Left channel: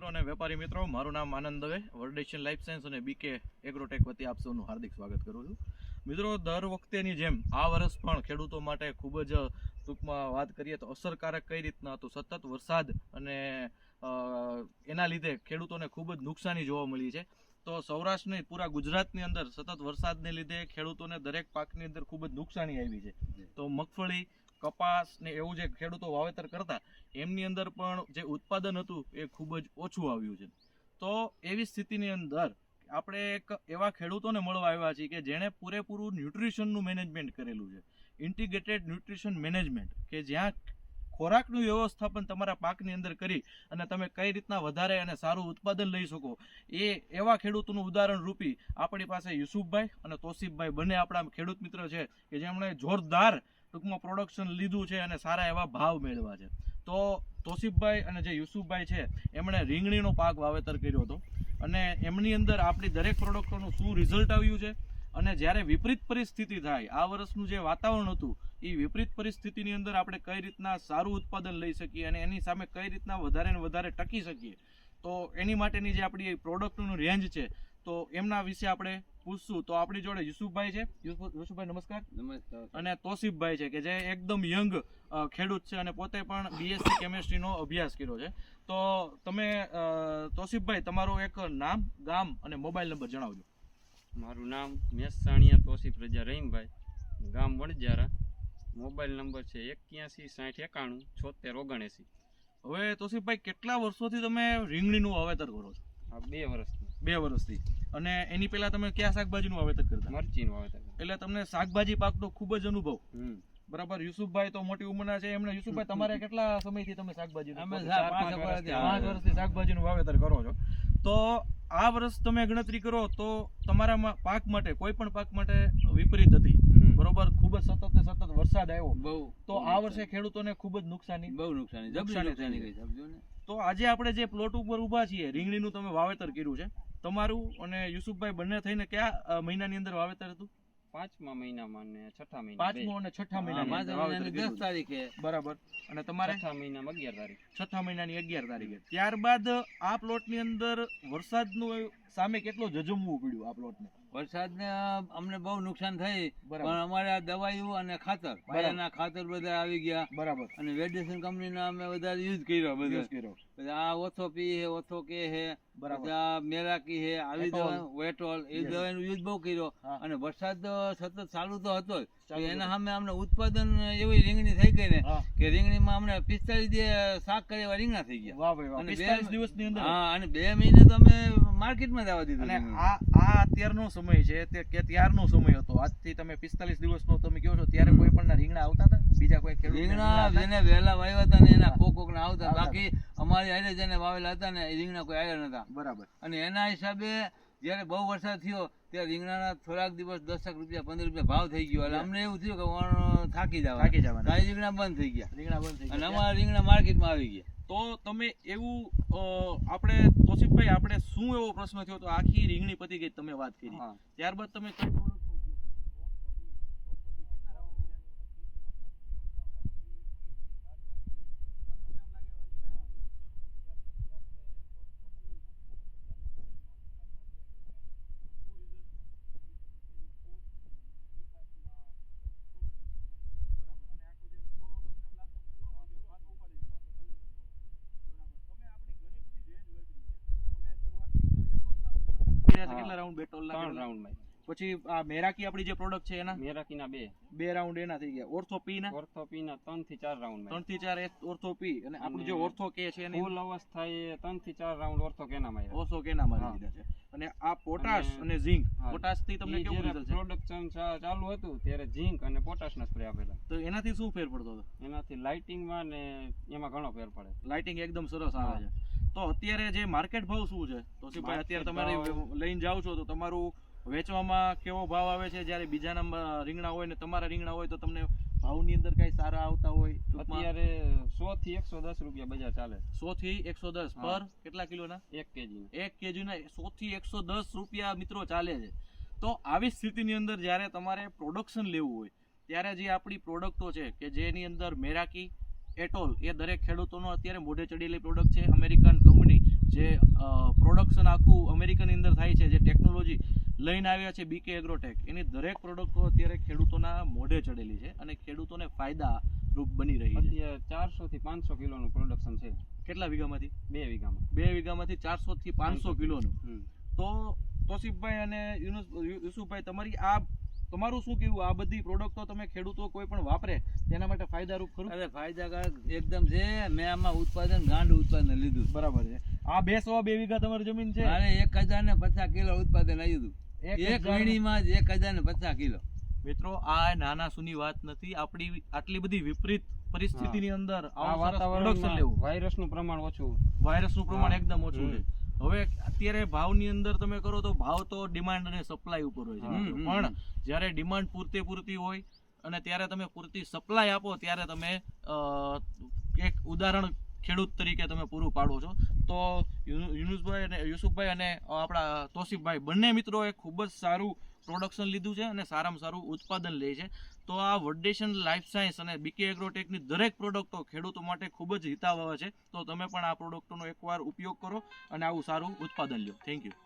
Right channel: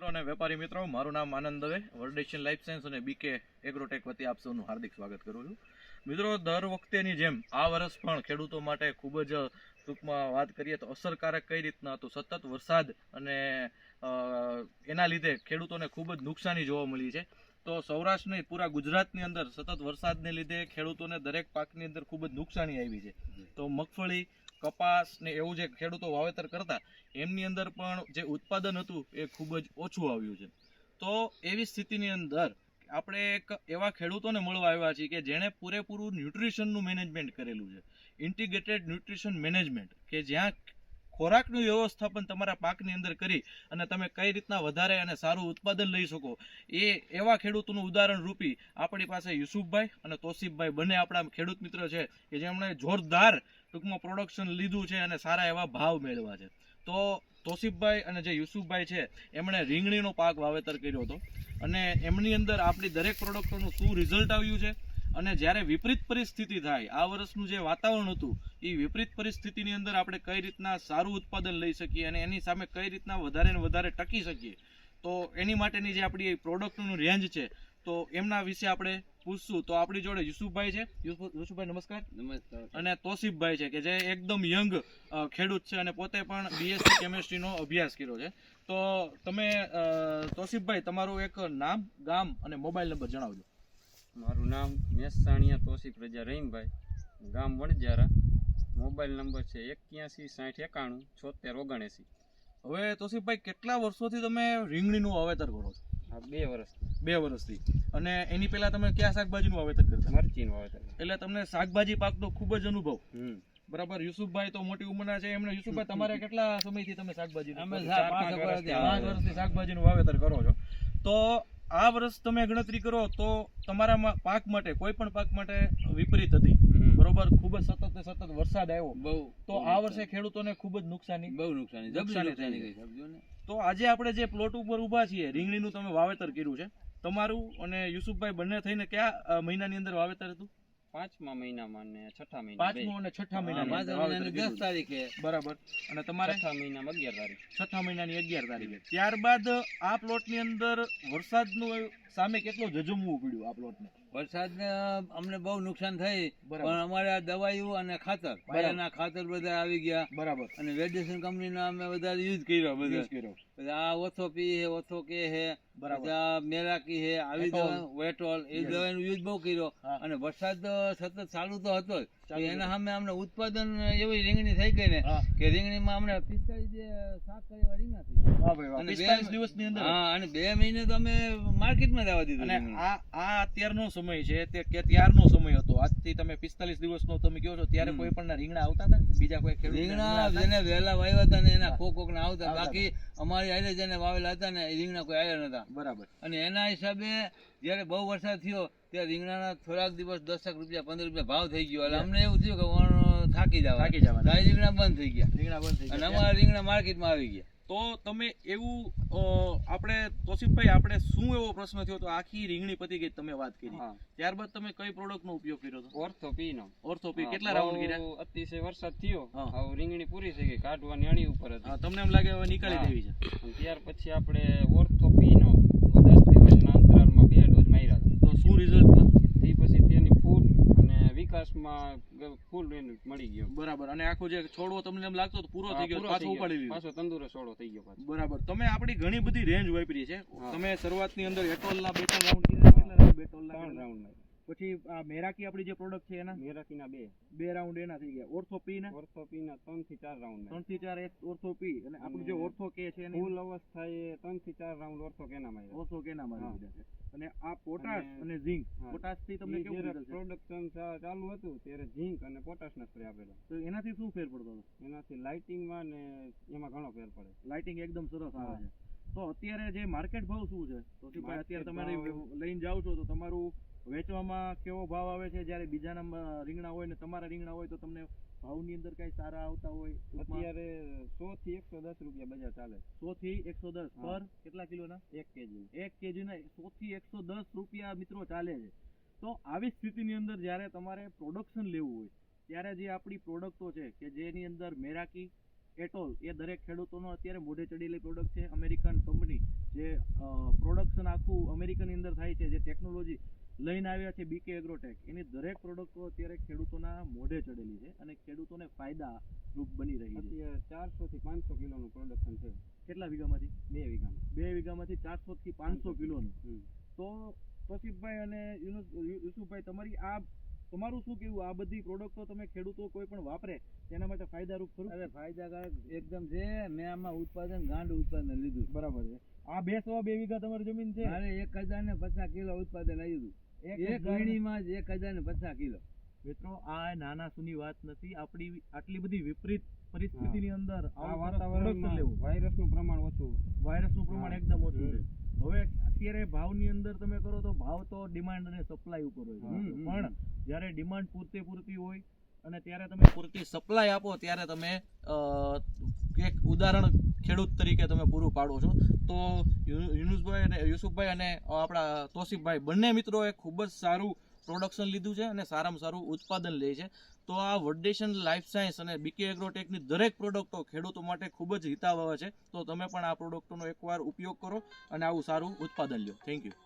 મિત્રો અને વેપારી મિત્રો મારું નામ Anand Dave world life science અને બીકે એગ્રોટેક વતી આપ સૌનું હાર્દિક સ્વાગત કરું છું. મિત્રો દર વખતેની જેમ આ વર્ષ પણ ખેડૂતો માટે ખૂબ જ ટૂંકમાં વાત કરીએ તો અસરકારક કઈ રીતના હતું સતત વરસાદ અને એના લીધે ખેડૂતોને ખૂબ જ નુકસાની જોવા મળી છે. તો સૌરાષ્ટ્ર નહીં પૂરા ગુજરાતની અંદર સતત વરસાદને લીધે ખેડૂતોને દરેક પાકની અંદર ખૂબ જ નુકસાની આવી છે. તો મગફળી કપાસ ને એવું જે ખેડૂતો વાવેતર કરતા, એમની અંદર પણ જે ઉત્પાદન હતું એ ખૂબ જ ઓછું આવ્યું છે. તો એવી સ્થિતિની અંદર આપણે એક એવા ખેડૂતોને મળવા આવ્યા છીએ કે જેણે પૂરેપૂરું ન્યુટ્રિશનનું મેનેજમેન્ટ કરેલું છે. ઇન્ટિગ્રેટેડ ન્યુટ્રિશન મેનેજમેન્ટ, કે જ્યાં ખોરાકનું વ્યવસ્થાપન તમારા પાકની અંદર કરી અને તમે કઈ રીતના વધારે અને સારું ઉત્પાદન લઈ શકો, એ એવા ખેડૂતોનું ઉદાહરણ રૂપી આપણી પાસે યુસુફભાઈ અને તોસીફભાઈ બંને આપણા ખેડૂત મિત્ર છે કે જેમણે જોરદાર ટૂંકમાં પ્રોડક્શન લીધું છે અને સારા એવા ભાવ મેળવ્યા છે. તો તોસીફભાઈ અને જે યુસુફભાઈ છે, એમણે રીંગણીનો પાક વાવેતર કર્યો હતો. અને એમની અંદર આપણી દરેક પ્રોડક્ટોનું શું રિઝલ્ટ આવ્યું છે અને જ્યારે વિપરીત પરિસ્થિતિ થાય, આ વર્ષનું જે વાતાવરણ હતું એ વિપરીત પરિસ્થિતિની અંદર આપણે કઈ રીતના સારું ઉત્પાદન લઈ શકીએ અને એની સામે કઈ રીતના વધારે ને વધારે ટકી શકીએ, તો એની માટેની જે આપણી પ્રોડક્ટનું રેન્જ છે તો એમના વિશે આપણે પૂછશું. તો આપણી જોડે યુસુફભાઈ છે. યુસુફ- યુસુફભાઈ નમસ્કાર. નમસ્કાર. અને તોસીફભાઈ છે કે જે એકદમ યંગ ખેડૂત છે અને પોતે પણ બીએસસી કેમેસ્ટ્રીનો અભ્યાસ કર્યો છે. તો તમે તોસીફભાઈ તમારું એક નામ ગામ અને મોબાઈલ નંબર જણાવજો. મારું નામ મેસાણીયા તોસીફ રજા રહીમભાઈ. ગામ વણજારા મોબાઈલ નંબર છે એક્યાસી સાઠ એકાણું છોતેર ઓગણએસી. હવે તોસીફભાઈ કેટલા વર્ષોથી તમે રીંગણીનું વાવેતર કરો છો? આ બે વર્ષથી. બે વર્ષથી. અને એની પહેલા તમે કયા શાકભાજીનું વાવેતર કરતા? મરચીનું વાવેતર. એટલે તમને શાકભાજી પાકનો ખૂબ જ અનુભવ. બરાબર? યુસુફભાઈ તો મોટી ઉંમરના છે. એમને યુસુફભાઈ તમારે કેટલા સમયથી તમે શાકભાજી અમે પાંચ વર્ષથી. શાકભાજીનું વાવેતર કરો છો. તો આ વર્ષ તમે ગણતરી કરો તો તમારામાં પાક માટે કોઈ પણ પાક માટે વિપરીત હતી. બરોબર? ખૂબ જ સતત ને સતત વરસાદ આવ્યો. બહુ. તો આ વર્ષે ખેડૂતોને ખૂબ જ નુકસાની. બહુ નુકસાની. નુકસાની થઈ ગઈ તો આજે આપણે જે પ્લોટ ઉપર ઊભા છીએ રીંગણીનું તમે વાવેતર કર્યું છે. તમારું અને યુસુફભાઈ બંને થઈને કયા મહિનાની અંદર વાવેતર હતું? પાંચમા મહિનામાં અને છઠ્ઠા મહિના પાંચમો અને છઠ્ઠા મહિનાની છે. તારીખે. બરાબર. અને તમારે? છઠ્ઠા મહિનામાં અગિયાર તારીખ. છઠ્ઠા મહિનાની અગિયાર તારીખે. ત્યારબાદ આ પ્લોટની અંદર વરસાદનું સામે કેટલો જજુમવું પડ્યું આ પ્લોટને? વરસાદને અમને બહુ નુકસાન થઈ પણ અમારે આ દવાઈઓ અને ખાતર પાયાના ખાતર બધા આવી ગયા. બરાબર. અને વેડિસન કંપનીના અમે બધા યુઝ કર્યો બધા. કર્યો. આ ઓથો પી હે ઓથો કે હે બરાબર મેરાકી હે આવી. દવા વેટોલ એ. દવાનો યુઝ બહુ કર્યો અને વરસાદ સતત ચાલુ તો હતો જ એના સામે અમને ઉત્પાદન એવી રીંગણી થઈ ગઈ ને કે રીંગણીમાં અમને પિસ્તાલીસ દિવસ શાક કરી એવા રીંગણા થઈ ગયા. અને બે- 45 દિવસની અંદર. હા અને બે મહિને તો અમે માર્કેટમાં જવા દીધું અને આ આ અત્યારનો સમય છે તે કે ત્યારનો સમય હતો. આજથી તમે 45 દિવસનો તમે કહો છો ત્યારે કોઈ પણ રીંગણા આવતા હતા? બીજા કોઈ રીંગણા જેને વહેલા વાવ્યા હતા ને એના કોક કોક ના આવતા. બાકી અમારી હારે જેને વાવેલા હતા ને રીંગણા કોઈ આવ્યા નતા. બરાબર. અને એના હિસાબે જ્યારે બહુ વરસાદ થયો ત્યારે રીંગણાના થોડાક દિવસ દસક રૂપિયા પંદર રૂપિયા ભાવ થઈ ગયો. એટલે અમને એવું થયું કે વણ થાકી જવા થાકી જવા રીંગણા બંધ થઈ ગયા. રીંગણા બંધ થઈ અને અમારા રીંગણા માર્કેટમાં આવી ગયા. તો તમે એવું આપણે તોસીફભાઈ આપણે શું એવો પ્રશ્ન થયો? તો આખી રીંગણી પતી ગઈ તમે વાત કરી. ત્યારબાદ તમે કઈ પ્રોડક્ટનો ઉપયોગ કર્યો હતો? ઓર્થોપી. નો ઓર્થોપી કેટલા રાઉન્ડ કર્યા? અતિશય વરસાદ થયો. હા. હવે રીંગણી પૂરી થઈ ગઈ કાઢવાની અણી ઉપર હતી. હા, તમને એમ લાગે હવે નીકાળી દેવી છે. ત્યાર પછી આપણે દિવસના અંતરાલમાં બે ડોઝ માર્યા તો શું રિઝલ્ટમાં એ પછી તેની ફૂલ અને વિકાસમાં ફૂલ મળી ગયો. બરાબર. અને આખો જે છોડવો તમને એમ લાગતો પૂરો થઈ ગયો પાછો ઉપાડી લીધો. પાછો તંદુરસ્ત છોડવો થઈ ગયો પાછો. બરાબર. તમે આપણી ઘણી બધી રેન્જ વાપરી છે. તમે શરૂઆતની અંદર એટોલના બે ત્રણ રાઉન્ડ કર્યા કેટલા રાઉન્ડ બેટોલના ત્રણ રાઉન્ડમાં. પછી આ મેરાકી આપણી જે પ્રોડક્ટ છે એના? મેરાકીના બે. બે રાઉન્ડ એના થઈ ગયા ઓર્થોપીના ઓર્થોપીના ત્રણથી ચાર રાઉન્ડ ત્રણથી ચાર ઓર્થોપી અને આપણું જે ઓર્થો કે છે એની ફૂલ એ ત્રણથી ચાર રાઉન્ડ ઓર્થો કેના માં ઓર્થો કેના માં લીધા છે. અને આ પોટાશ અને- ઝીંક પોટાશથી તમને કેવું રિઝલ્ટ છે? પ્રોડક્શન ચાલુ હતું ત્યારે ઝીંક અને પોટાશના સ્પ્રે આપેલા. તો એનાથી શું ફેર પડતો હતો? એનાથી લાઇટિંગમાં ને એમાં ઘણો ફેર પડે. લાઇટિંગ એકદમ સરસ આવે છે. તો અત્યારે જે માર્કેટ ભાવ શું છે? તો અત્યારે તમારે લઈને જાઓ છો તો તમારું વેચવામાં કેવો ભાવ આવે છે? જ્યારે બીજા નંબર રીંગણા હોય ને તમારા રીંગણા હોય તો તમને ભાવની અંદર કઈ સારા આવતા હોય અત્યારે સો થી એકસો દસ રૂપિયા બજાર ચાલે સો થી એકસો દસ. પર કેટલા કિલોના? એક કેજી. એક કેજીના સો થી એકસો દસ રૂપિયા મિત્રો ચાલે છે. તો આવી સ્થિતિની અંદર જ્યારે તમારે પ્રોડક્શન લેવું હોય ત્યારે જે આપણી પ્રોડક્ટો છે કે જેની અંદર મેરાકી એટોલ એ દરેક ખેડૂતોનો અત્યારે મોઢે ચડેલી પ્રોડક્ટ છે. અમેરિકન કંપની જે પ્રોડક્શન આખું અમેરિકનની અંદર થાય છે જે ટેકનોલોજી લઈને આવ્યા છે બીકે એગ્રોટેક એની દરેક પ્રોડક્ટો અત્યારે ખેડૂતોના મોઢે ચડેલી છે અને ખેડૂતોને ફાયદા રૂપ બની રહી છે. ચારસો થી પાંચસો કિલોનું પ્રોડક્શન છે. કેટલા વીઘામાંથી? બે વીઘામાં. બે વીઘામાંથી ચારસો થી પાંચસો કિલોનું. તો તોસીફભાઈ અને યુસુફભાઈ તમારી આ તમારું શું કેવું આ બધી પ્રોડક્ટો તમે ખેડૂતો કોઈ પણ વાપરે તેના માટે ફાયદારૂપ ખરું? અરે ફાયદાકારક એકદમ છે. મેં આમાં ઉત્પાદન ગાંડ ઉત્પાદન લીધું. બરાબર છે. આ બે સવા બે વીઘા તમારી જમીન છે? અને એક હજાર ને પચાસ કિલો ઉત્પાદન આવ્યું એક હતું. એક વીણીમાં જ એક હજાર ને પચાસ કિલો. મિત્રો આ નાના સુની વાત નથી. આપણી આટલી બધી વિપરીત પરિસ્થિતિની અંદર પ્રોડક્શન લેવું. વાયરસનું પ્રમાણ ઓછું. વાયરસનું પ્રમાણ એકદમ ઓછું છે. હવે અત્યારે ભાવની અંદર તમે કરો તો ભાવ તો ડિમાન્ડ અને સપ્લાય ઉપર હોય છે પણ જ્યારે ડિમાન્ડ પૂરતી પૂરતી હોય અને ત્યારે તમે પૂરતી સપ્લાય આપો ત્યારે તમે એક ઉદાહરણ ખેડૂત તરીકે તમે પૂરું પાડો છો. તો યુનુસભાઈ અને યુસુફભાઈ અને આપણા તોસીફભાઈ બંને મિત્રોએ ખૂબ જ સારું પ્રોડક્શન લીધું છે અને સારામાં સારું ઉત્પાદન લે છે. તો આ વડેશન લાઈફ સાયન્સ અને બીકે એગ્રોટેકની દરેક પ્રોડક્ટો ખેડૂતો માટે ખૂબ જ હિતાવહ છે. તો તમે પણ આ પ્રોડક્ટોનો એકવાર ઉપયોગ કરો અને આવું સારું ઉત્પાદન લો થેન્ક યુ